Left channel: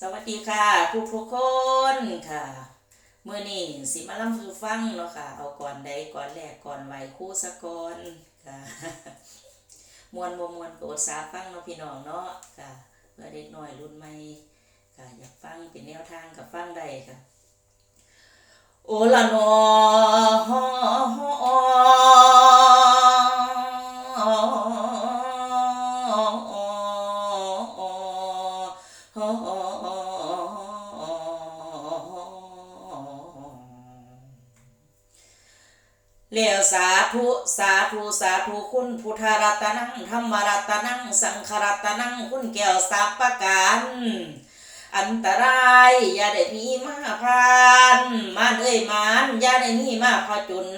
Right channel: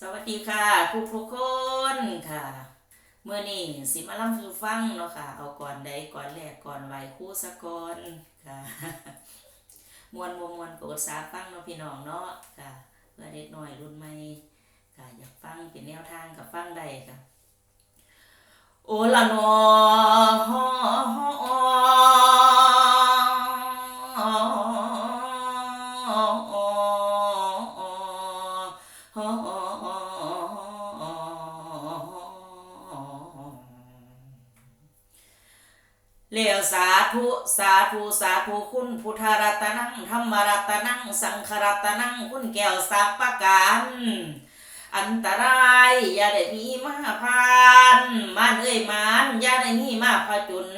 สวัสดีค่ะผู้ทุกคนค่ะเมื่อนี้สิมาล่ำสู่ฟังเนาะค่ะ เอาก่อนใดก่อนแรกก่อนไหวคู่สะก่อนค่ะมวนบ่มวนโปรดสาฟังเนาะพี่น้องเนาะค่ะเพื่อเด็กหน่อยรุ่นใหม่ค่ะอยากฟังเป็นแนวทางกับฟังใดค่ะ โอละนอ เลวสาธุสาธุสาธุคุณพุทธรัตนังธรรมรัตนังสังฆรัตนังคุณแก้วสัพประการอันตรายอย่าได้มีมาพานมานเอ้ยมานอย่าได้มีมาพาจุน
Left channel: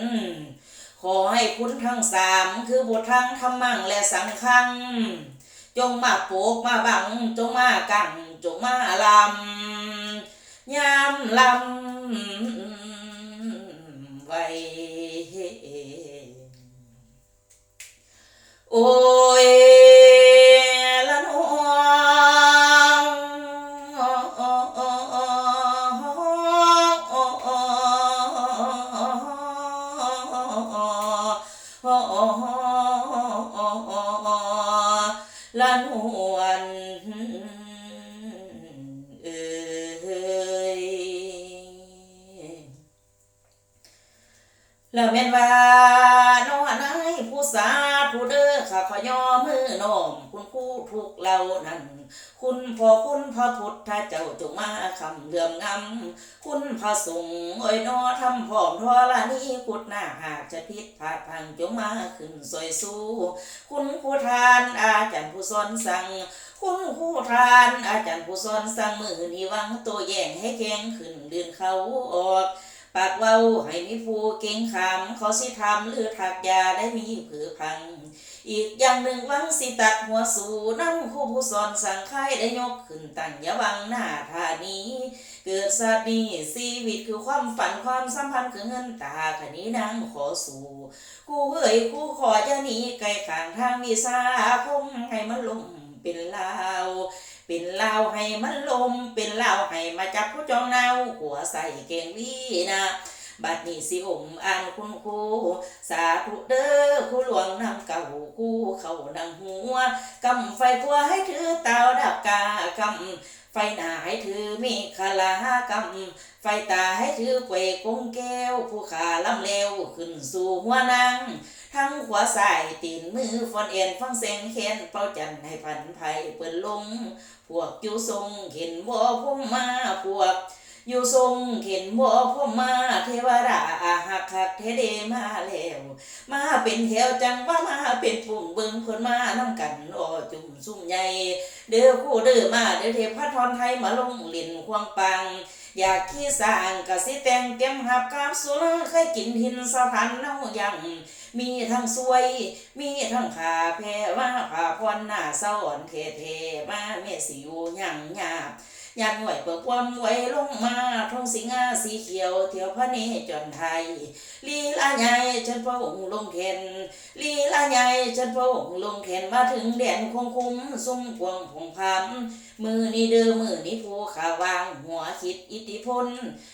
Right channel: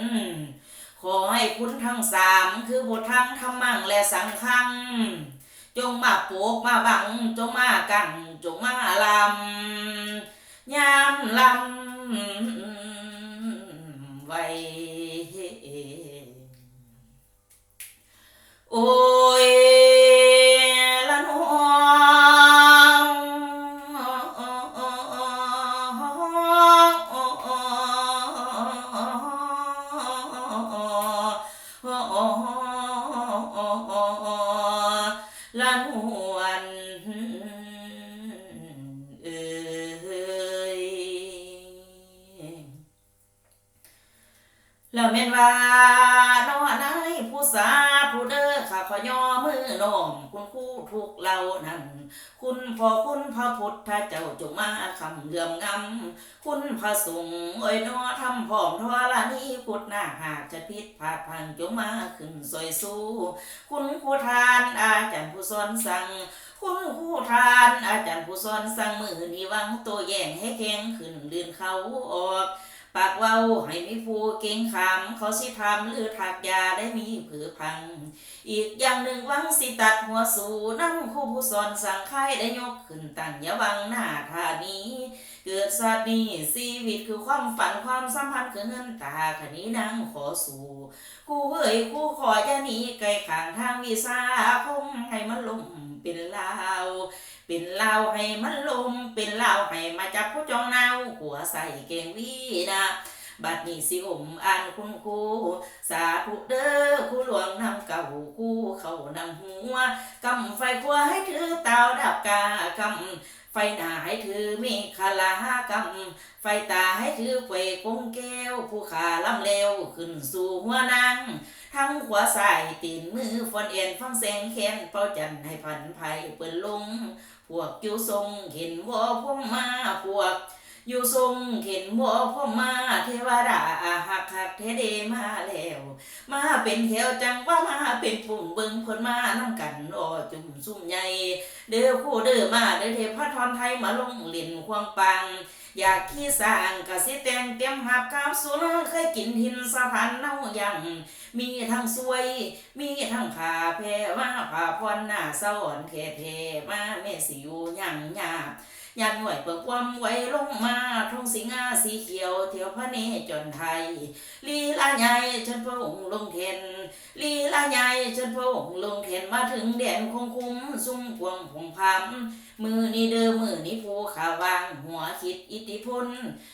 ขอให้คุณทั้งสามคือบุตรทั้งธรรมังและสังฆัง จงมาปกมาบัง จงมากังจงมาลำยามลำไว้ ละนว แล้วแม่นว่านอนายผู้สาผู้เด้อข้าขอยอมือน้อมคุณครูทุกเรานั้นคุณพ่อคุณพระพุทธเจ้าจงมาคำเลื่อมงำคุณพระสงฆ์เอ้ยนอทำผอมทอละนี้พุทธหน้าหากจะพิษพาพังจงมาขึ้นสวยสู้ คุณครูทานอาจารย์ผู้สอนสั่งคุณครูทานอาจารย์ผู้สอนสั่งมือนีวังตัวแย่งให้แข็งขึ้นลื่นเขาออก ปากเว้าให้มีผู้เก่งขามเขาสิทำหรือถักยาได้มีผือพัง อีกอย่างหนึ่งวังสิตัดหัวสูนั่งครูผู้สอนสั่งค่ายได้ยกขึ้นตั้งย่าวังหน้าทานี้ เกิดสาดีชีวิตคือความฝันความสัมพันธ์คือเงินตาขนี้นางขอสู่คู่เอ้ยคู่ขอจะหนีไกลข้างทางวิสาคมให้มันลมเป็นลาว เป็นเลาให้มันลม เป็นเลาให้มาจับผู้จองเนาหัวใส่เก่งวีนะบัดนี้สิอมอ่านคุณครูสาธุเด้อครูหลวงนำเก่าครูเข้านำหัวกำไฟครัวให้ถือเตาดับกากำ ไฟหน้าให้ถือมีคาลากำไฟตาให้ถือเกวกงแก้ว ผู้ขาลำเลวขึ้นสู่หัวนางทั้งขวาสายตีนมือฟอนเอ็นฟังเสียงแค้นเป้าจันให้พันไผ่เปิดลง พวกอยู่ทรงเห็นบ่พุ่มมาพวกอยู่ทรงเห็นบ่พุ่มมาเทวดาหักหักเทเดมาแล้ว มาเป็นแถวจังว่ามาเป็นปุ่มบึงเพิ่นมานำกันอ้อ จุ่มซุ่มใหญ่เด้อคู่เด้อมาเด้อเทพทรไทยมาลงหลินควงปัง อยากขี้สร้างกะสิแต่งเตรียมหับกามสุรเคยกินหินสะพานเน่ายังมีทั้งสวย มีทั้งขาแพ้ว่าผ่าพรหน้าสะอ่อนเทเทมาเมสิอยู่หยังหยาบ ยามหน่วยเปิดความไว้ลงมาทองสิงาสีเขียว เที่ยวพระเนจรไทย ลีลาใหญ่ฉันพระองค์ลงเทนลีลาใหญ่ฉันพระองค์ลงเทนมาถึงแดนคงคุ้มซุ้มพวงผงพามมือนี้เด้อมือนี้ผู้ขาวางหัวคิดอิทธิพล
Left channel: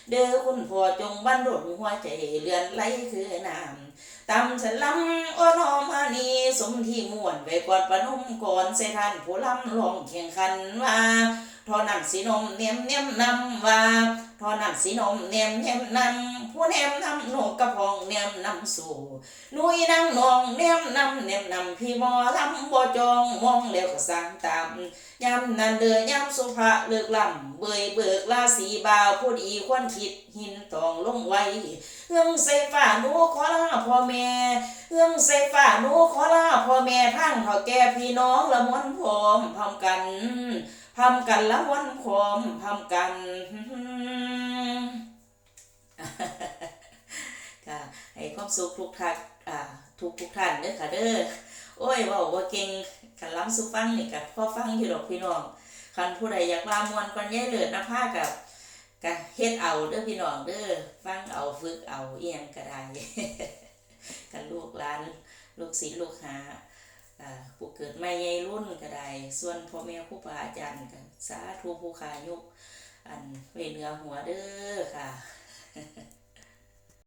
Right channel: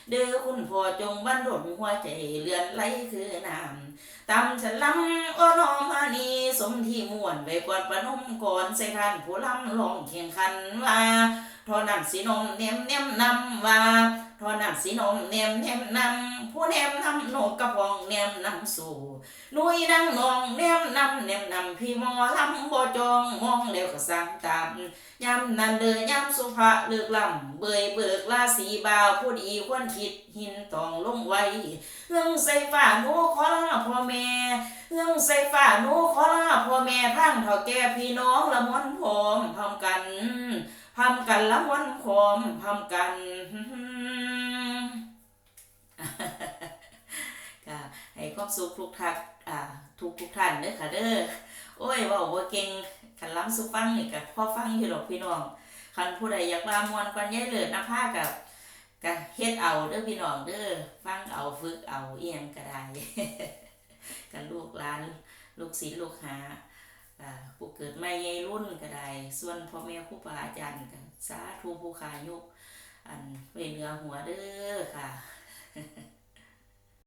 เด้อคุณพ่อจงบันดลหัวใจเลือนไหลคือน้ำตำฉันลำอ้อนอมานีสมที่ม่วนไว้ก่อนประนุ่มก่อนใส่ทานผู้ลำลองแข่งขันว่าน สีนมเนียมเนียมนำว่าทอนั่นสีนมเนียมเนียมนำผู้เนียมนำหนูกระพองเนียมนำสู่นุยนางนองเนียมนำเนียมนำพี่มอลำบ่จองมองแล้วก็สั่งตามยำนันเดือยำสุภาเลือกลำเบยเบิกลาสีบาวผู้ดีควรคิดหินตองลงไว้เรื่องใส่ฝ่าหนูขอลาพ่อแม่เรื่องใส่ฝ่าหนูขอลาพ่อแม่ทั้งเท่าแก่พี่น้องละมวนพร้อมพร้อมกัน พร้อมกันละมวนพร้อมพร้อมกันค่ะให้ความสุขทุกท่านอ่าทุกทุกท่านเด้อค่ะเด้อโอ้ยว่าบ่าเก่งคันล้ำสุฟังนี่กับพ่อฟังอยู่ดอกพี่น้องคันผู้ใดอยากลามวนก่อนย่ยเลิศนะผ้ากับกะเฮ็ดเอาเด้อพี่น้องเด้อฟังเอาฝึกเอาเอียงก็ได้กันลูกหลาน ลูกศิษย์ลูกหาอ่าผู้ เกิดไม่ใหญ่รุ่นก็ได้ส่วนพ่อแม่ครูบาอาจารย์ก็สาธุผู้ขายุกอันไว้เหนือหัวเด้อค่ะ